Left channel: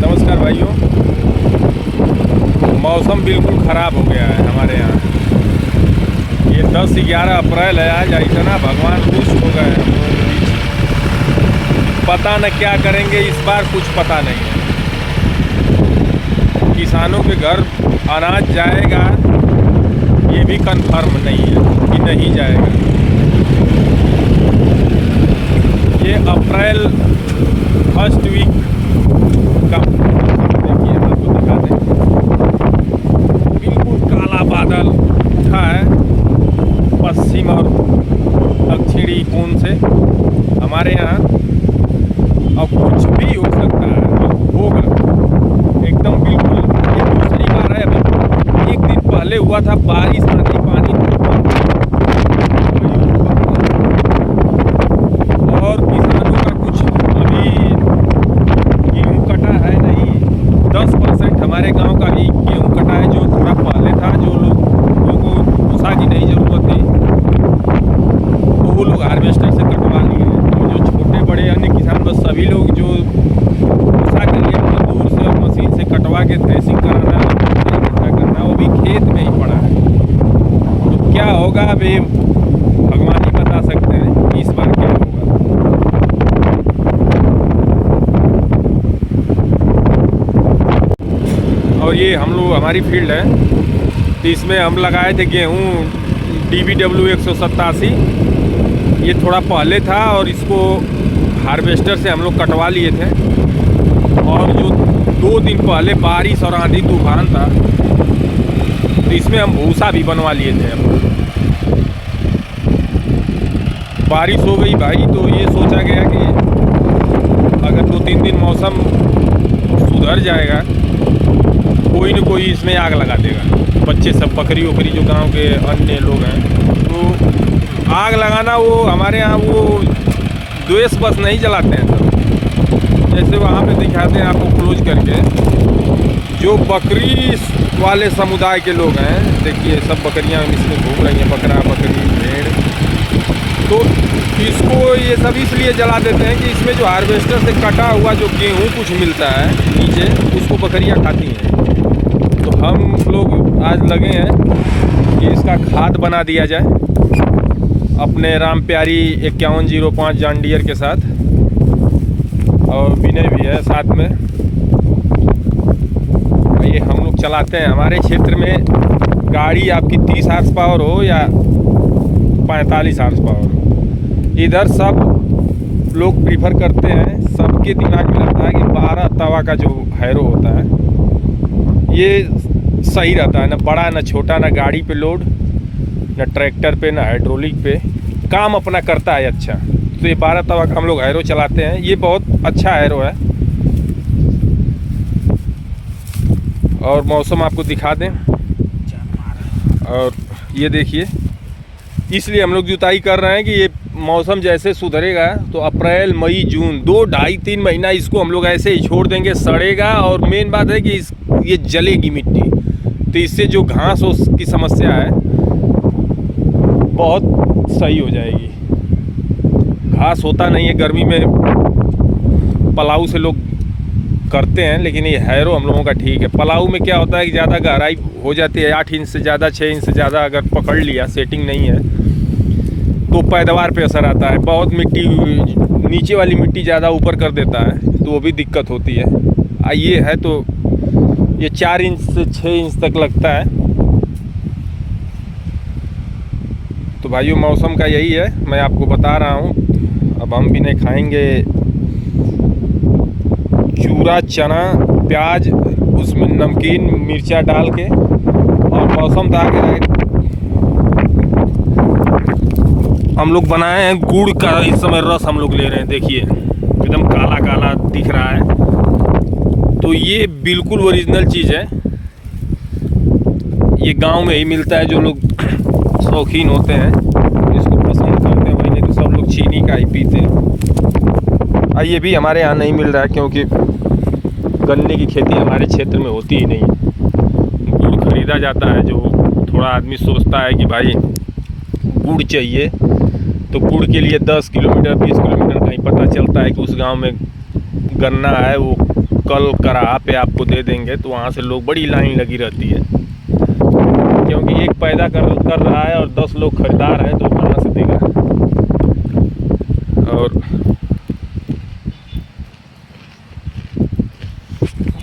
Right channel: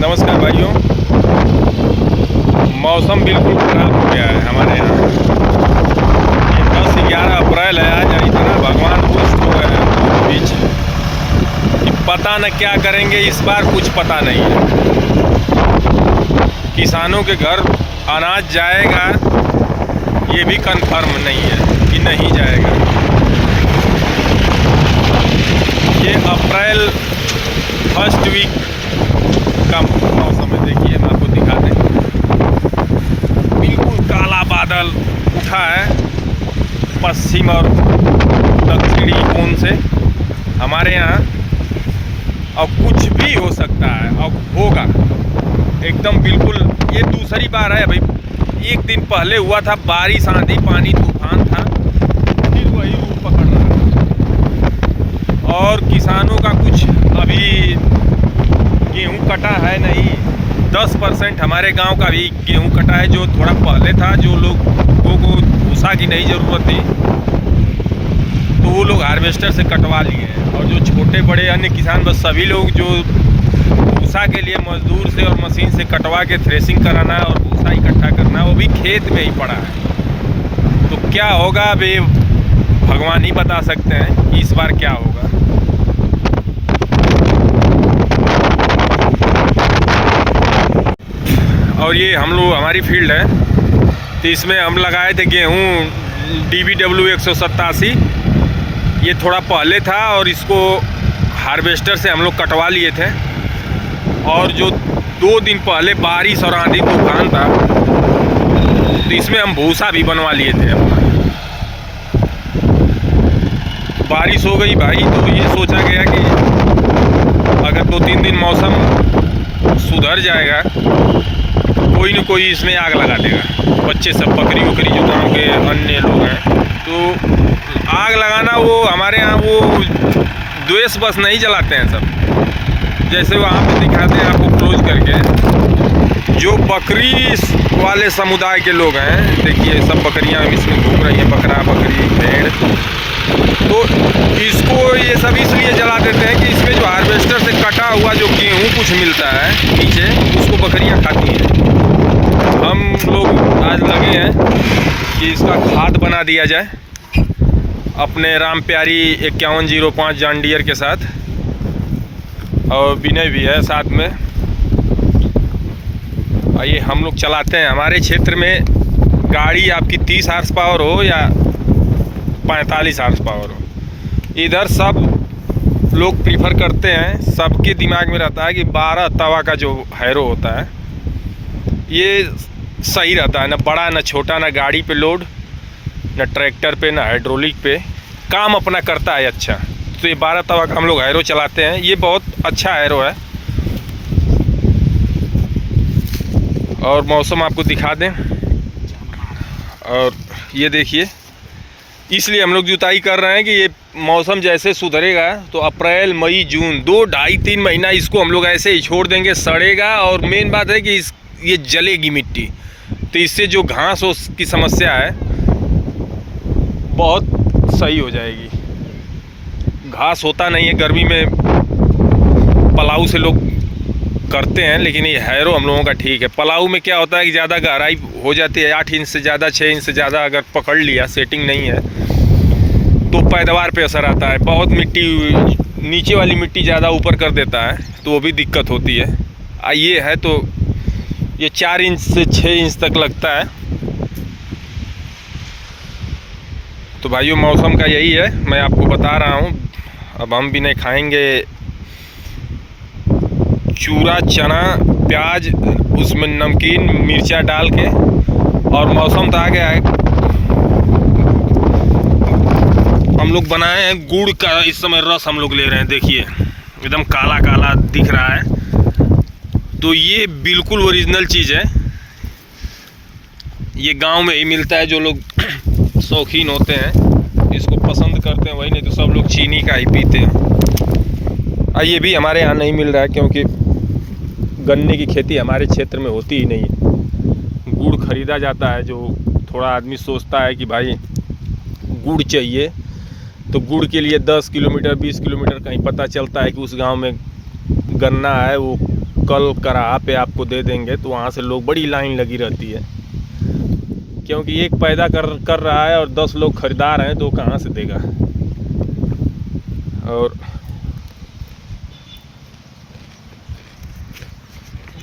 नमस्कार भाइयों। मौसम बिल्कुल ख़राब हो गया है हमारे यहाँ। ये 10-11 अप्रैल है आज। इतना भगवान खुश हो गए हैं बीच कि पता न क्या करेंगे इस बार, कुछ पता नहीं है। किसानों के घर अनाज जाएगा ये भी कंफर्म नहीं है कि नहीं जाएगा। ये अप्रैल फर्स्ट वीक का मौसम है। देखिए हम आपको दिखाते हैं, बिल्कुल काला बादल उठा है पश्चिम और दक्षिणी कोण से हमारे यहाँ। और कुछ भी हो सकता है और होगा एकदम बिल्कुल। ये दूसरी बार है भाई। एक दिन पहले हुआ था बारिश, आंधी, पानी, तूफान था, और किसानों का कुछ अभी गेहूँ कटा है नहीं। 10% हमारे गांव का भी गेहूँ कटा है, जो थोड़ा पहले था। जो लोगों को भूसा की नहीं ज़रूरत थी तो वो लोग हार्वेस्टर से कटवा लिए हैं। और जो छोटे बड़े अन्य किसान, बस सभी लोग जो भूसा के लिए मजदूर से और मशीन से कटवा के थ्रेसिंग कराना और भूसा इकट्ठा करना, वो भी खेत में ही पड़ा है। तो क्या होगा अभी भगवान ही बता सकते हैं कि इस बार क्या होगा। और ये हम लोग, हमारी फील्ड है, तो इसमें हम लगाए थे गेहूँ DBW 187। ये थोड़ा पहले था और इसको हार्वेस्टर से हम लोग कटवा लिए थे। और जो 2 दिन पहले बारिश और आंधी तूफान था तो इसमें हम भूसा भी बनवा लिए थे अपना। बारिश हो गई भाई, तो ये सोचा गया कि अगर 2-3 दिन मौसम सुधर जाएगा, कोई न कोई इसमें आग लगा देगा। बच्चे सब, बकरी वकरी, जो गांव के अन्य लोग हैं, तो आग लगाना वो हमारे यहाँ वो द्वेष बस नहीं जलाते हैं सब। जैसे वहाँ पे दिखाते हैं आपको क्लोज करके, जो बकरी वाले समुदाय के लोग हैं, देखिए सब बकरियाँ इसमें घूम रही हैं, बकरा, बकरी, भेड़। तो इसको ये सब इसलिए जला देते हैं कि इसमें जो हार्वेस्टर से कटा हुआ जो गेहूँ कुछ मिलता है नीचे, उसको बकरियाँ खाती हैं। हम लोग आज लगे हैं कि इसका खाद बना दिया जाए अपने राम प्यारी 5105 जॉन डियर के साथ। और विनय भी है साथ में। ये हम लोग चलाते हैं। हमारे क्षेत्र में गाड़ी आपकी 30 हार्स पावर हो या 45 हार्स पावर हो, इधर सब लोग प्रीफर करते हैं। सबके दिमाग में रहता है कि 12 तवा का जो हैरो होता है ये सही रहता है। ना बड़ा, ना छोटा, ना गाड़ी पे लोड, ना ट्रैक्टर पे, ना हाइड्रोलिक पे, काम अपना करता है अच्छा। तो ये 12 तवा का हम लोग हैरो चलाते हैं। ये बहुत अच्छा हैरो है। और मौसम आपको दिखा दें, और ये देखिए, इसलिए हम लोग जुताई कर रहे हैं कि ये मौसम जैसे सुधरेगा तो अप्रैल, मई, जून 2-2.5-3 महीना इसको हम लोग ऐसे ही छोड़ देंगे, सड़ेगा। और मेन बात है कि ये जलेगी मिट्टी, तो इससे जो घास की समस्या है बहुत सही हो जाएगी। घास होता नहीं है गर्मी में, पलाऊ से लोग करते हैं, लेकिन ये हैरो हम लोगों का ठीक है। पलाऊ में क्या होता है कि ज़्यादा गहराई हो जाती है, 8 इंच से ज़्यादा, 6 इंच से ज़्यादा अगर पकड़ लिया, सेटिंग नहीं है, तो पैदावार पे असर आता है। बहुत मिट्टी, नीचे वाली मिट्टी ज़्यादा ऊपर कर देता है, तो वो भी दिक्कत होती है। ये है तो ये 4 इंच से 6 इंच तक लगता है। तो भाइयों, मौसम का यही है, मैं आपको बता रहा हूँ। अब हम भी नहीं खाएंगे चूरा, चना, प्याज, उसमें नमकीन मिर्चा डाल के। और मौसम तो आ गया है। हम लोग बनाए हैं गुड़ का इस समय रस हम लोग ले रहे हैं। देखिए एकदम काला काला दिख रहा है। तो ये बिल्कुल ओरिजिनल चीज़ है। ये गांव में ही मिलता है। जो लोग शौकीन होते हैं इसको पसंद करते हैं, वही, नहीं तो सब लोग चीनी का ही पीते हैं। ये भी हमारे यहाँ नहीं मिल रहा है क्योंकि गन्ने की खेती हमारे क्षेत्र में होती ही नहीं है। गुड़ खरीदा जाता है। जो थोड़ा आदमी सोचता है कि भाई गुड़ चाहिए, तो गुड़ के लिए 10 किलोमीटर 20 किलोमीटर कहीं पता चलता है कि उस गांव में गन्ना है, वो लोकल कराहा पे आपको दे देंगे तो वहाँ से लोग बड़ी लाइन लगी रहती है, क्योंकि एक पैदा कर रहा है और 10 लोग खरीदार हैं तो कहाँ से देगा। और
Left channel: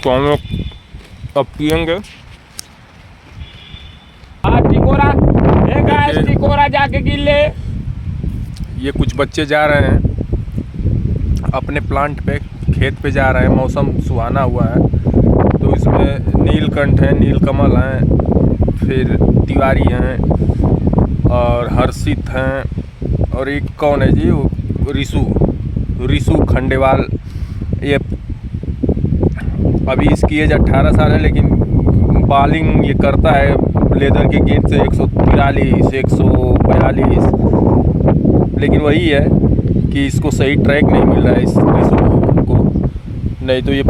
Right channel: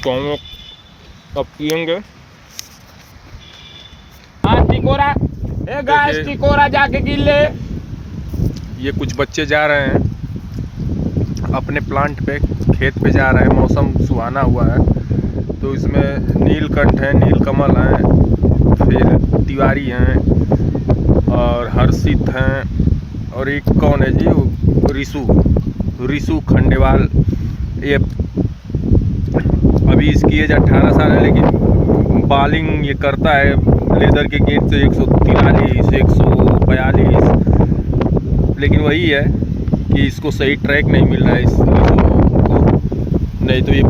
तो हम लोग अब पियेंगे। टिकोरा टिकोरा जाके गिर ले। ये कुछ बच्चे जा रहे हैं अपने प्लांट पे, खेत पे जा रहे हैं। मौसम सुहाना हुआ है तो इसमें नीलकंठ हैं, नीलकमल हैं, फिर तिवारी हैं और हर्षित हैं और एक कौन है जी, रिसू खंडेवाल। ये अभी इसकी एज 18 साल है, लेकिन बॉलिंग ये करता है लेदर के गेट से 143 142। लेकिन वही है कि इसको सही ट्रैक नहीं मिल रहा है इसको, नहीं तो ये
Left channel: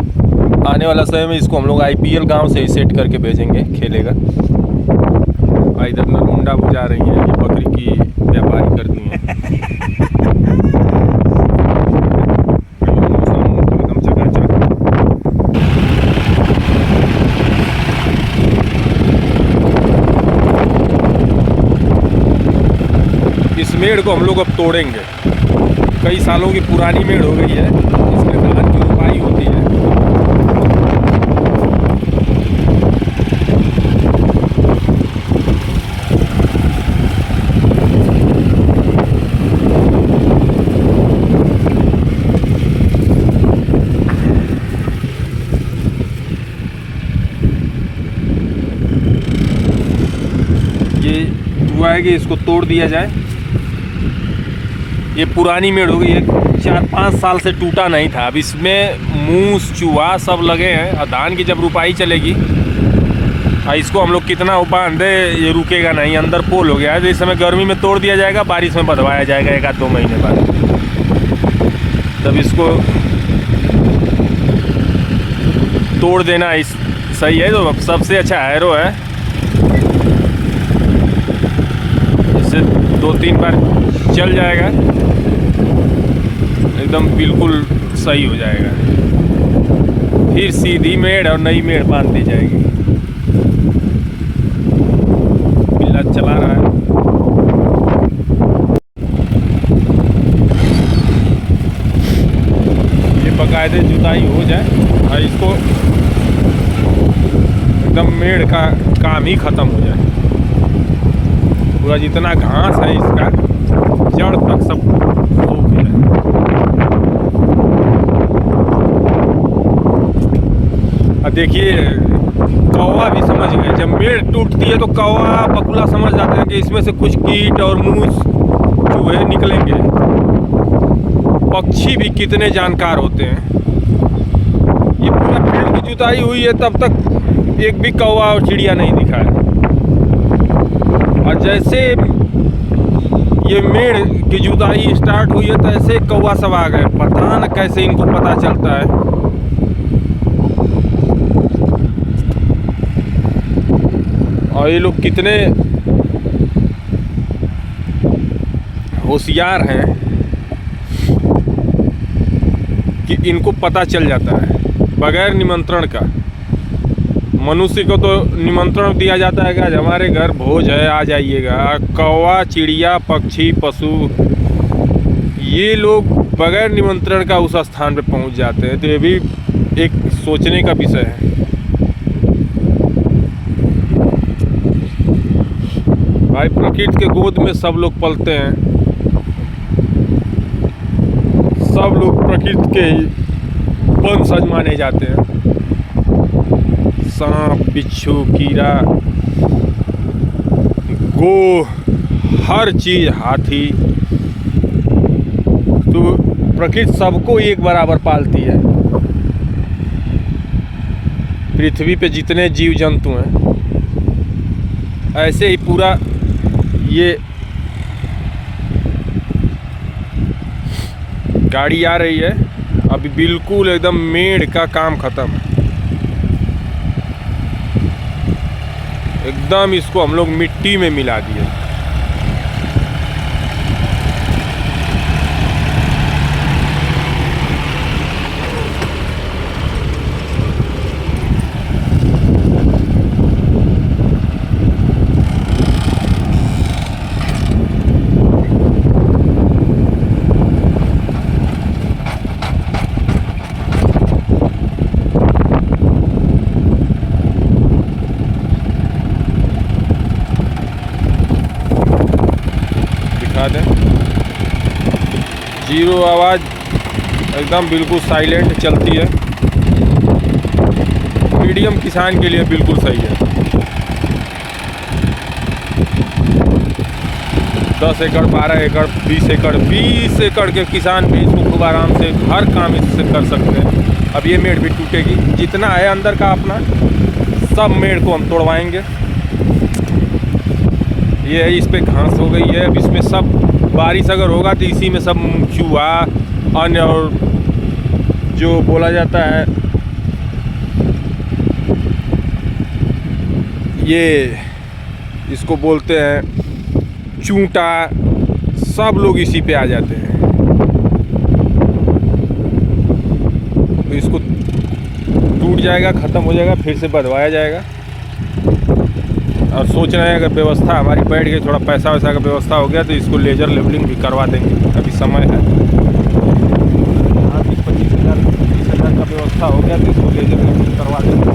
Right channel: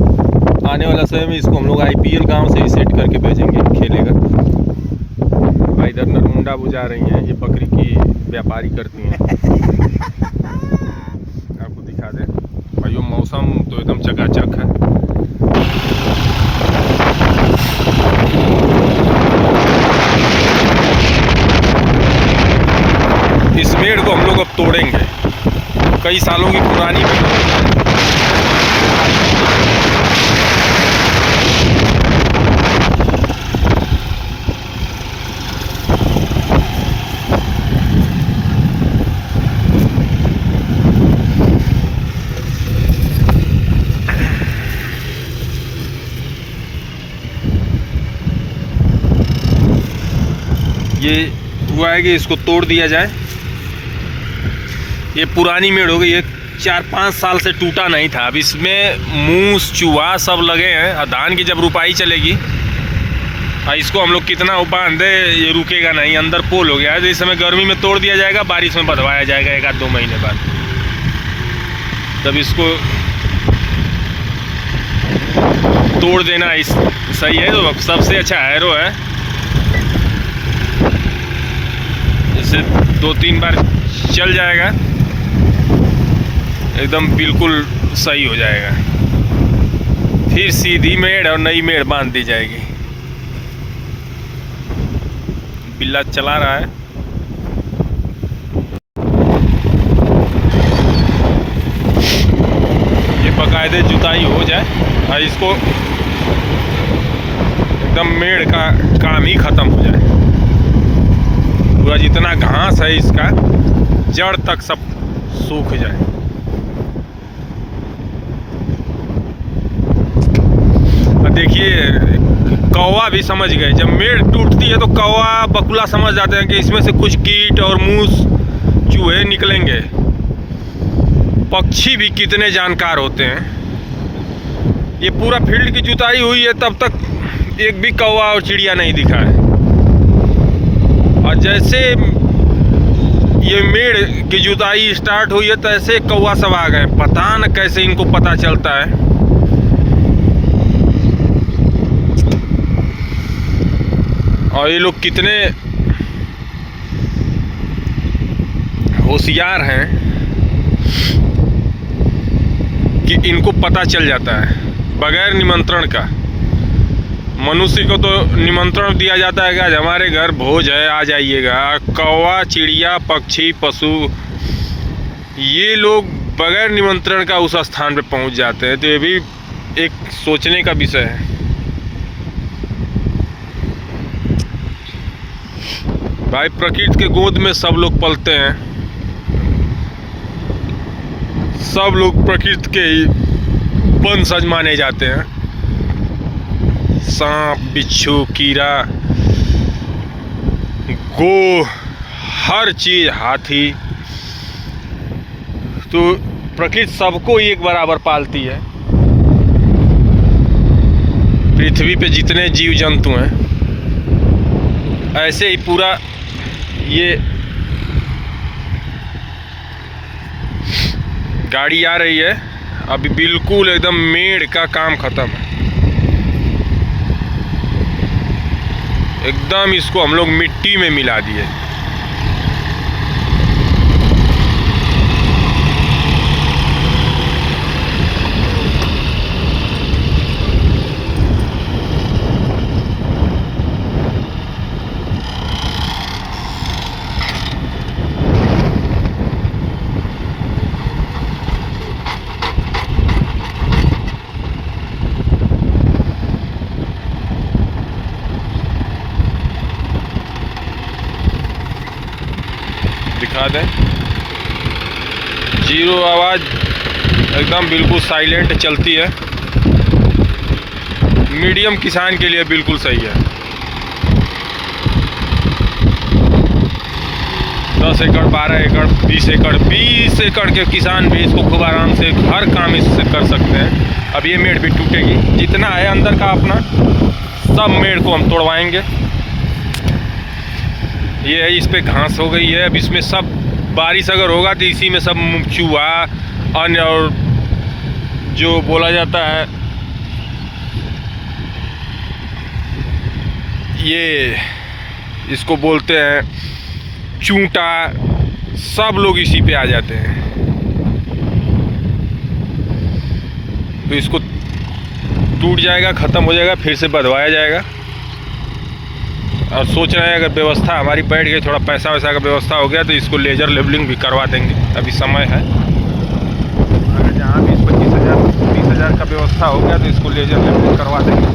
आने वाला समय में इसको हम लोग IPL गांव से ही सेट करके भेजेंगे, खेलेगा। इधर नरमुंडा वो जा रही हैं, ये बकरी की व्यापारी कर दी हैं। भाई मौसम तो एकदम चकाचक है। इस मेड़ को हम लोग अब तोड़ेंगे, कई सालों की पुरानी मेड़ हो गई है। ये हुआ है कि इसको तोड़ दिया जाए। ये पुरानी मेड़ हो गई है, 4-5 साल से टूटा नहीं था। अब इसमें मूस चूहा सब लगे हैं। धान की जब रुपाई चलेगी इसको हम लोग कितना बांधे, ये रुकेगा नहीं। अंदर पोल हो गया है, तो इस समय गर्मी में तोड़ दिया जाएगा, बारिश में बधवाया जाएगा 1-2 महीने बाद। तब इसको तोड़ देना सही है। तो सबसे अच्छा हैरो है, इसे 2-3 बार चल जाएगा, एकदम बिल्कुल सही हो जाएगा। फिर सीधी मेड़ और नई मेड़ बांध दी जाएगी। बिल्ला चला रहा है। ये बाकायदे जुताई हो जाए और इसको एकदम मेड़ का काम ही ख़त्म हो जाए। पूरा जितना घास है इसका जड़ तक सब सूख जाए। अब देखिए कौवा भी समझ गए, जब मेड़ टूटती है तो कौवा बकुला समझ जाते हैं कि इसमें से कुछ कीट और मूस चूहे निकलेंगे। पक्षी भी कितने जानकार होते हैं। ये पूरा फील्ड की जुताई हुई है, तब तक एक भी कौवा और चिड़िया नहीं दिखा है। और जैसे ये मेड़ की जुताई स्टार्ट हुई है, तो ऐसे कौवा सब आ गए। पता न कैसे इनको पता चलता है। और ये लोग कितने होशियार हैं कि इनको पता चल जाता है बगैर निमंत्रण का। मनुष्य को तो निमंत्रण दिया जाता है कि आज हमारे घर भोज है, आ जाइएगा। कौवा, चिड़िया, पक्षी, पशु, ये लोग बगैर निमंत्रण का उस स्थान पे पहुंच जाते हैं। तो ये भी एक सोचने का विषय है। भाई प्रकृति के गोद में सब लोग पलते हैं, सब लोग प्रकृति के ही वंशज माने जाते हैं। सांप, बिच्छू, कीड़ा, गो, हर चीज, हाथी, तो प्रकृति सबको एक बराबर पालती है। पृथ्वी पे जितने जीव जंतु हैं, ऐसे ही पूरा ये गाड़ी आ रही है। अभी बिल्कुल एकदम मेड़ का काम खत्म है। एकदम इसको हम लोग मिट्टी में मिला दिए। बता दें, जीरो आवाज़, एकदम बिल्कुल साइलेंट चलती है। मीडियम किसान के लिए बिल्कुल सही है। 10 एकड़, 12 एकड़, 20 एकड़, 20 एकड़ के किसान भी इसको खूब आराम से हर काम इससे कर सकते हैं। अब ये मेड़ भी टूटेगी, जितना है अंदर का अपना सब मेड़ को हम तोड़वाएंगे। ये है, इस पे घास हो गई है। अब इसमें सब बारिश अगर होगा तो इसी में सब चूहा अन्य और जो बोला जाता है ये इसको बोलते हैं चूंटा, सब लोग इसी पे आ जाते हैं। तो इसको टूट जाएगा, ख़त्म हो जाएगा, फिर से बधवाया जाएगा। और सोच रहे हैं अगर व्यवस्था हमारी बैठ गई, थोड़ा पैसा वैसा का व्यवस्था हो गया तो इसको लेजर लेवलिंग भी करवा देंगे। अभी समय है, अगर जहाँ 20-25 हज़ार 30 हज़ार का व्यवस्था हो गया तो इसको लेजर लेवलिंग करवा देंगे।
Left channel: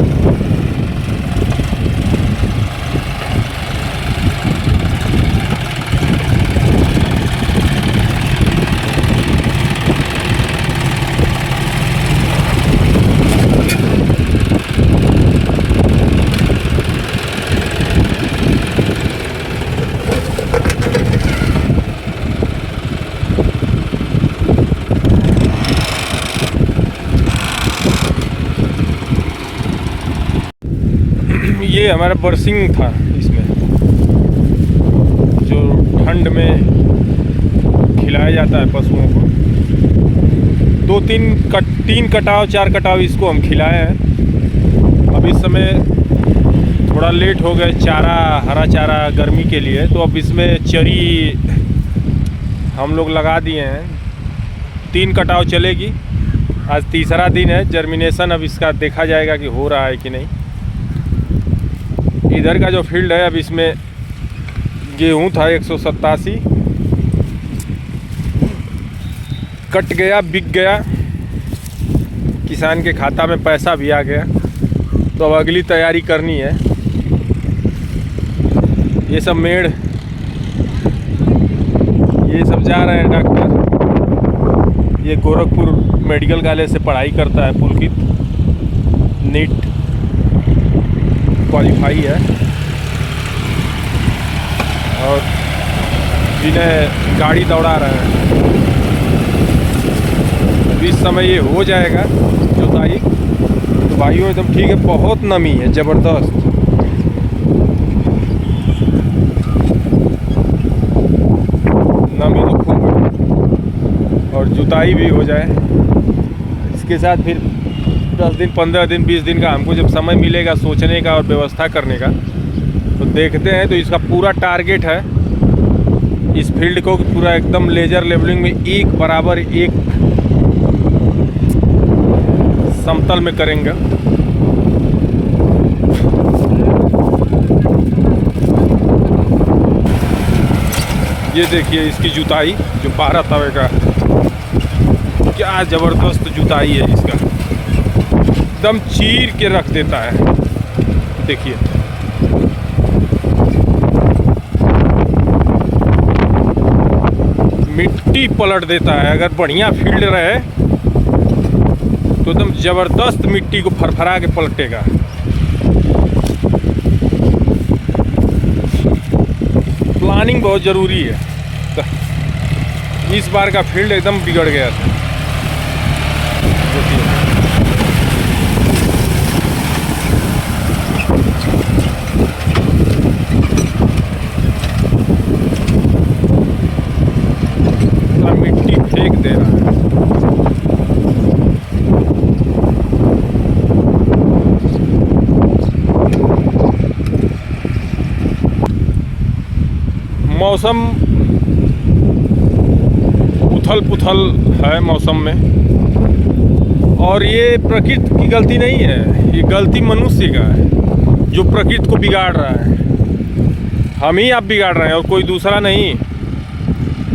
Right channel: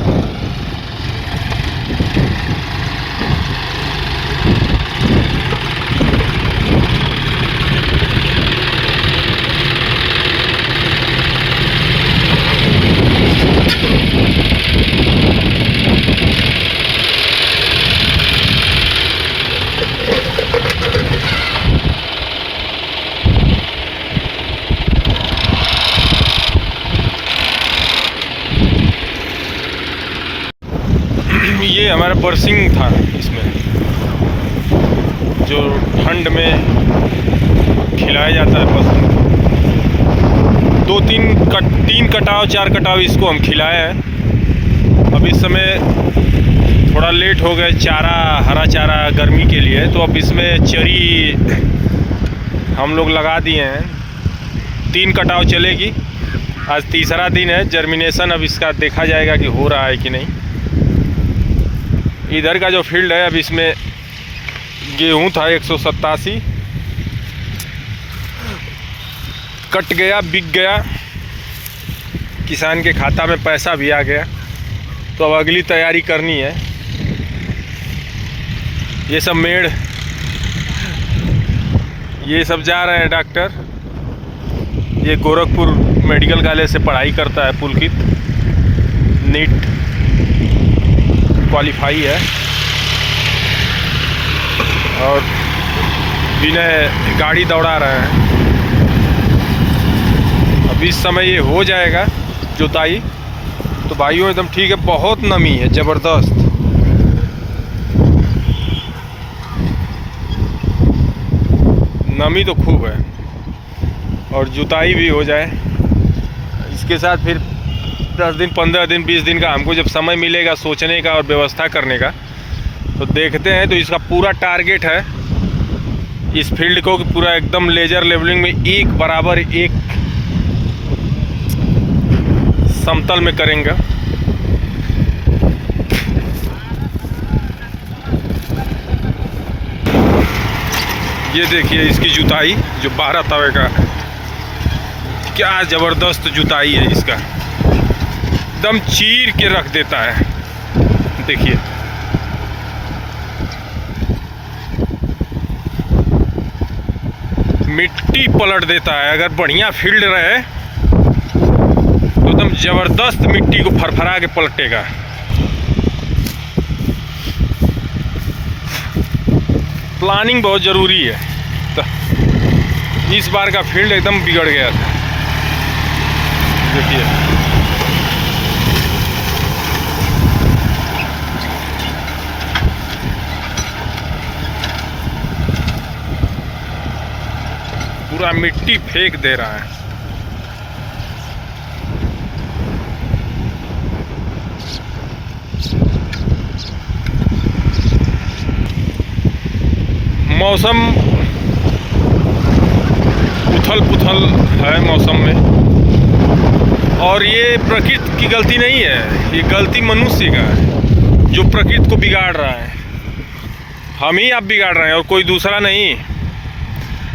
ये हमारा बरसिंग था, इसमें जो ठंड में खिलाया जाता है पशुओं को। 3 कटाव 4 कटाव इसको हम खिलाए हैं। अब इस समय थोड़ा लेट हो गए, चारा, हरा चारा गर्मी के लिए, तो अब इसमें चरी हम लोग लगा दिए हैं। 3 कटाव चलेगी। आज तीसरा दिन है। जर्मिनेशन अब इसका देखा जाएगा कि हो रहा है कि नहीं। इधर का जो फील्ड है, अब इसमें गेहूं था 187, कट गया, बिक गया, किसान के खाता में पैसा भी आ गया। तो अब अगली तैयारी करनी है। ये सब मेड़, ये सब जा रहे हैं डॉक्टर। ये गोरखपुर मेडिकल कॉलेज से पढ़ाई करता है पुलकित, नीट क्वालिफाई है। और विनय गाड़ी दौड़ा रहे हैं। अब इस समय ये हो जाएगा जुताई। तो भाइयों एकदम ठीक है, बहुत नमी है ज़बरदस्त। नमी तो खूब है। और जुताई भी हो जाए, इसके साथ फिर 10 दिन, 15 दिन, 20 दिन का हमको जब समय मिलेगा सोचने का और व्यवस्था करने का, तो देखते हैं। तो इसका पूरा टारगेट है इस फील्ड को पूरा एकदम लेजर लेवलिंग में एक बराबर, एक समतल में करेंगे। ये देखिए इसकी जुताई जो 12 तवे का, क्या ज़बरदस्त जुताई है इसका, एकदम चीर के रख देता है। देखिए मिट्टी पलट देता है। अगर बढ़िया फील्ड रहे तो एकदम ज़बरदस्त मिट्टी को फरफरा के पलटेगा। प्लानिंग बहुत ज़रूरी है। तो इस बार का फील्ड एकदम बिगड़ गया था। देखिए पूरा मिट्टी फेंक दे रहा है। मौसम उथल पुथल है मौसम में। और ये प्रकृति की गलती नहीं है, ये गलती मनुष्य का है जो प्रकृति को बिगाड़ रहा है। हम ही आप बिगाड़ रहे हैं और कोई दूसरा नहीं।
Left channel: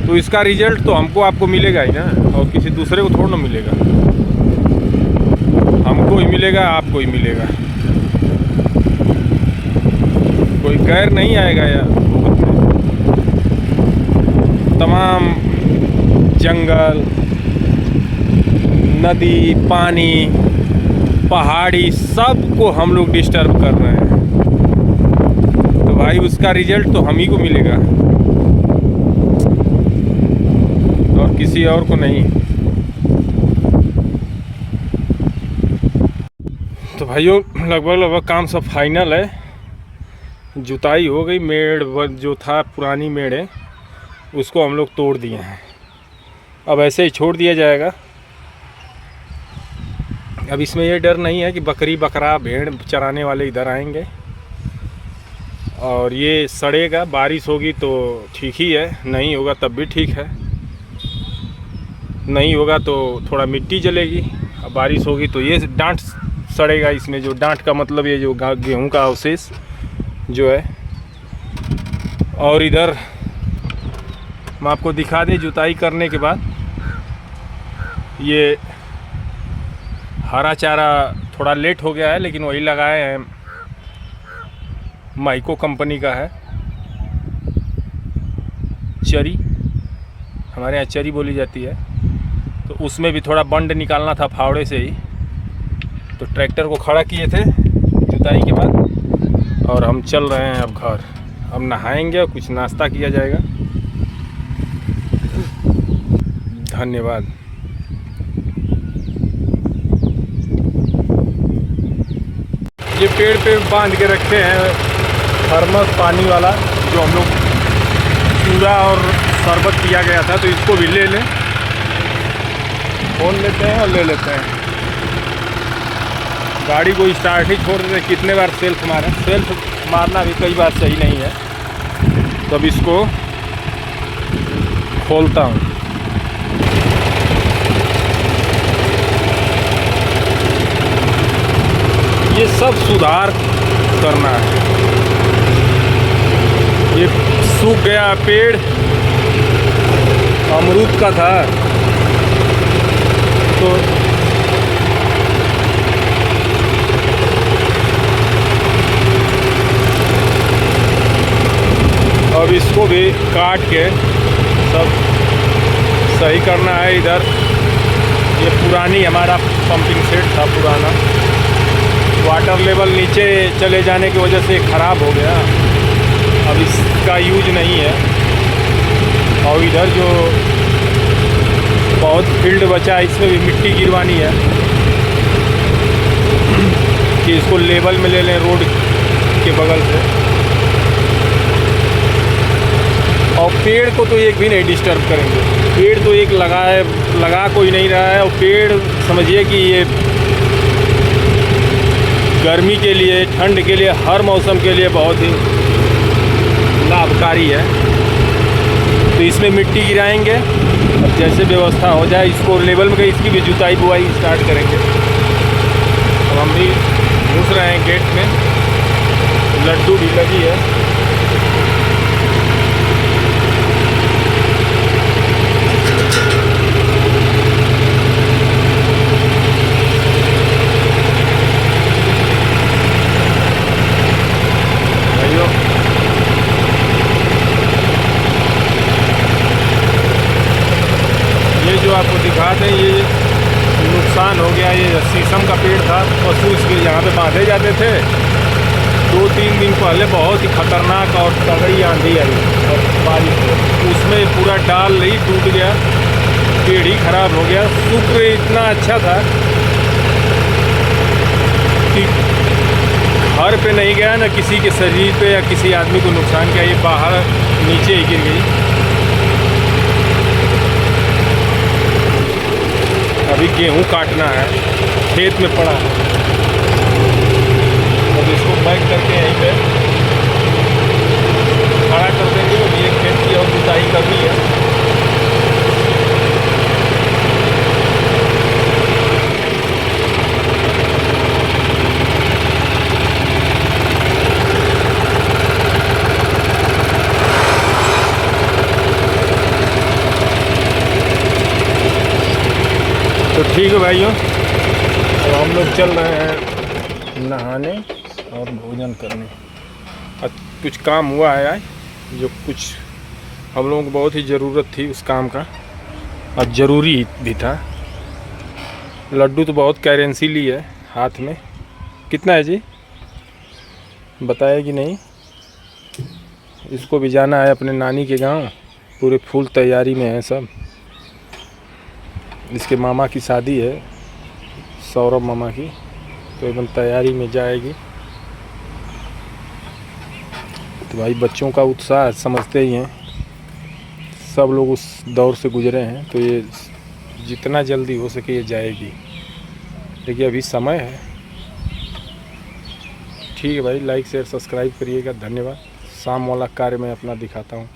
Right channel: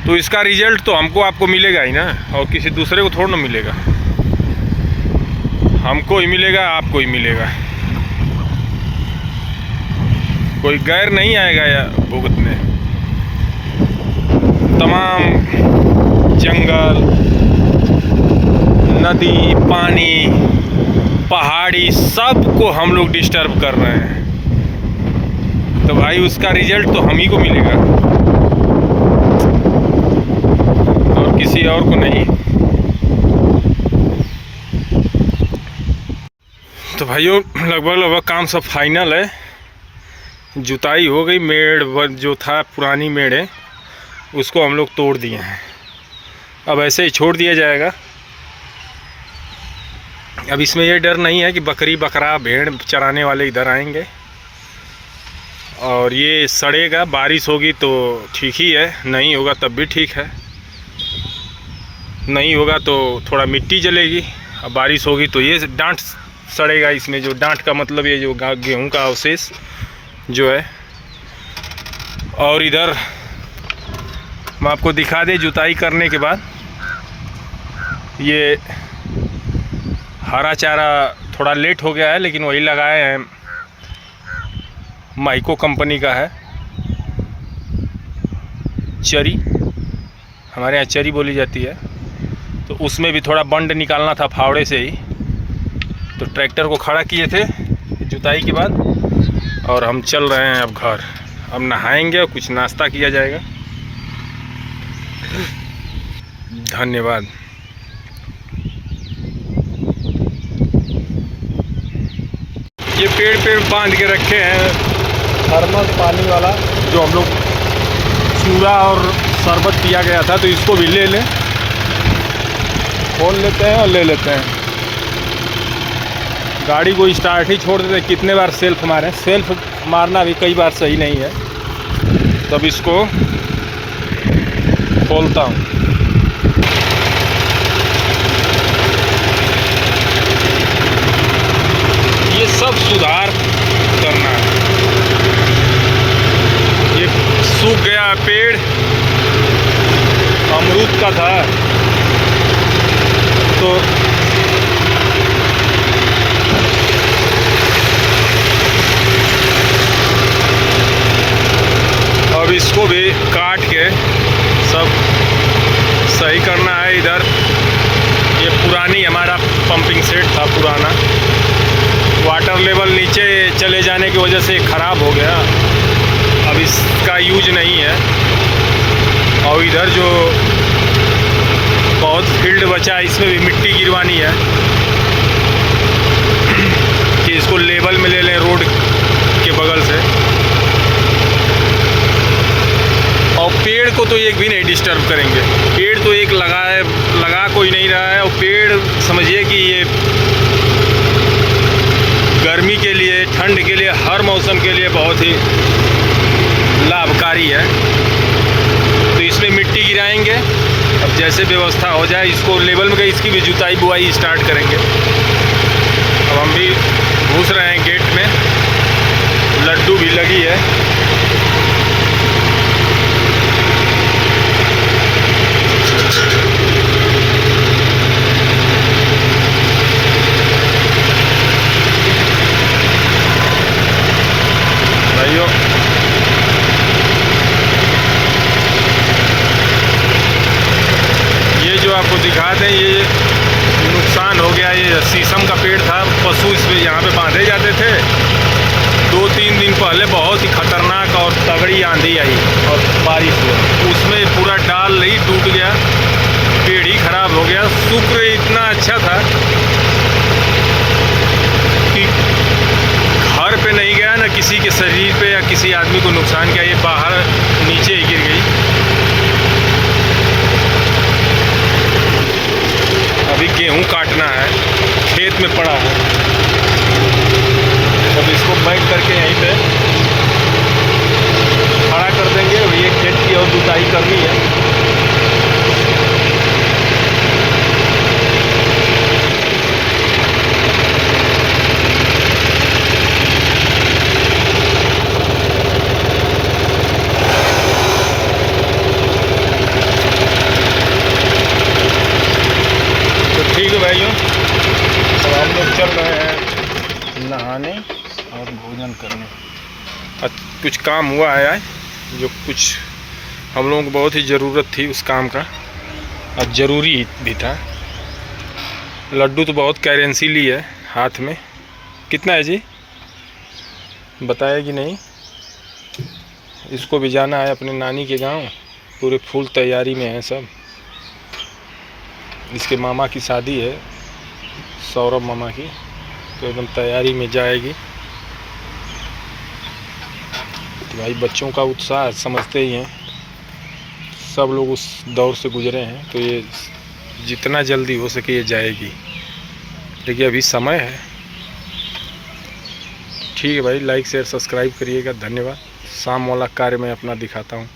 तो इसका रिजल्ट तो हमको आपको मिलेगा ही ना, और किसी दूसरे को थोड़ा ना मिलेगा। हमको ही मिलेगा, आपको ही मिलेगा। कोई गैर नहीं आएगा या भुगतने। तमाम जंगल, नदी, पानी, पहाड़ी सबको हम लोग डिस्टर्ब कर रहे हैं। तो भाई उसका रिजल्ट तो हम ही को मिलेगा और किसी और को नहीं। तो भाइयों लगभग काम सब फाइनल है। जुताई हो गई। मेड़ जो था पुरानी मेड़ है उसको हम लोग तोड़ दिए हैं। अब ऐसे ही छोड़ दिया जाएगा। अब इसमें ये डर नहीं है कि बकरी बकरा भेड़ चराने वाले इधर आएंगे और ये सड़ेगा। बारिश होगी तो ठीक ही है, नहीं होगा तब भी ठीक है। नहीं होगा तो थोड़ा मिट्टी जलेगी। अब बारिश होगी तो ये डांठ सड़ेगा। इसमें जो डांठ का मतलब ये जो गेहूं का अवशेष जो है। और इधर मैं आपको दिखा दें, जुताई करने के बाद ये हरा चारा थोड़ा लेट हो गया है, लेकिन वही लगाए हैं। माइको कंपनी का है। चरी, हमारे यहाँ चरी बोली जाती है। तो उसमें भी थोड़ा बंड निकालना था फावड़े से ही, तो ट्रैक्टर को खड़ा किए थे जुताई के बाद। और हम चल रहे हैं अब घर। अब नहाएंगे और कुछ नाश्ता किया जाएगा। धन्यवाद। ये पेड़ पे बांध के रखे हैं थर्मस पानी वाला, जो हम लोग चूड़ा और शरबत पिया गया था। तो इसको भी ले लें, खोल लेते हैं और ले लेते हैं। गाड़ी को स्टार्ट ही छोड़ देते हैं। कितने बार सेल्फ मारें। सेल्फ मारना भी कई बार सही नहीं है। तब इसको खोलता हूँ। ये सब सुधार करना है। ये सूख गया पेड़, अमरूद का था, तो अब इसको भी काट के सब सही करना है। इधर ये पुरानी हमारा पंपिंग सेट था पुराना, वाटर लेवल नीचे चले जाने की वजह से ख़राब हो गया। अब इसका यूज नहीं है। और इधर जो बहुत फील्ड बचा है इसमें भी मिट्टी गिरवानी है कि इसको लेवल में ले लें रोड के बगल से। और पेड़ को तो एक भी नहीं डिस्टर्ब करेंगे। पेड़ तो एक लगा कोई नहीं रहा है। और पेड़ समझिए कि ये गर्मी के लिए, ठंड के लिए, हर मौसम के लिए बहुत ही लाभकारी है। तो इसमें मिट्टी गिराएंगे। अब जैसे व्यवस्था हो जाए इसको लेवल में, इसकी भी जुताई बुआई स्टार्ट करेंगे। अब हम भी घुस रहे हैं गेट में। लड्डू भी लगी है। भाइयों ये जो आपको दिखा दें, ये नुकसान हो गया। ये शीशम का पेड़ था, पशु इसमें यहाँ पे बांधे जाते थे। 2-3 दिन पहले बहुत ही खतरनाक और तगड़ी आंधी आई और बारिश हुई, उसमें पूरा डाल ही टूट गया, पेड़ ही खराब हो गया। शुक्र इतना अच्छा था कि घर पे नहीं गया, ना किसी के शरीर पे या किसी आदमी को नुकसान किया। ये बाहर नीचे ही गिर गई। अभी गेहूं काटना है, खेत में पड़ा है। अब इसको बैठ करके यहीं पे खड़ा कर देंगे। और ये खेत की और जुताई करनी है। तो ठीक है भाइयों, तो हम लोग चल रहे हैं नहाने और भोजन करने। कुछ काम हुआ है जो कुछ हम लोगों को बहुत ही ज़रूरत थी उस काम का और ज़रूरी भी था। लड्डू तो बहुत करेंसी ली है हाथ में। कितना है जी, बताया कि नहीं? इसको भी जाना है अपने नानी के गांव, पूरे फुल तैयारी में है सब। इसके मामा की शादी है, सौरभ मामा की, तो एकदम तैयारी में जाएगी। तो भाई बच्चों का उत्साह समझते ही हैं, सब लोग उस दौर से गुजरे हैं, तो ये जितना जल्दी हो सके ये जाएगी। देखिए अभी समय है। ठीक है भाई, लाइक शेयर सब्सक्राइब करिएगा। धन्यवाद। शाम वाला कार्य मैं अपना दिखाता हूँ।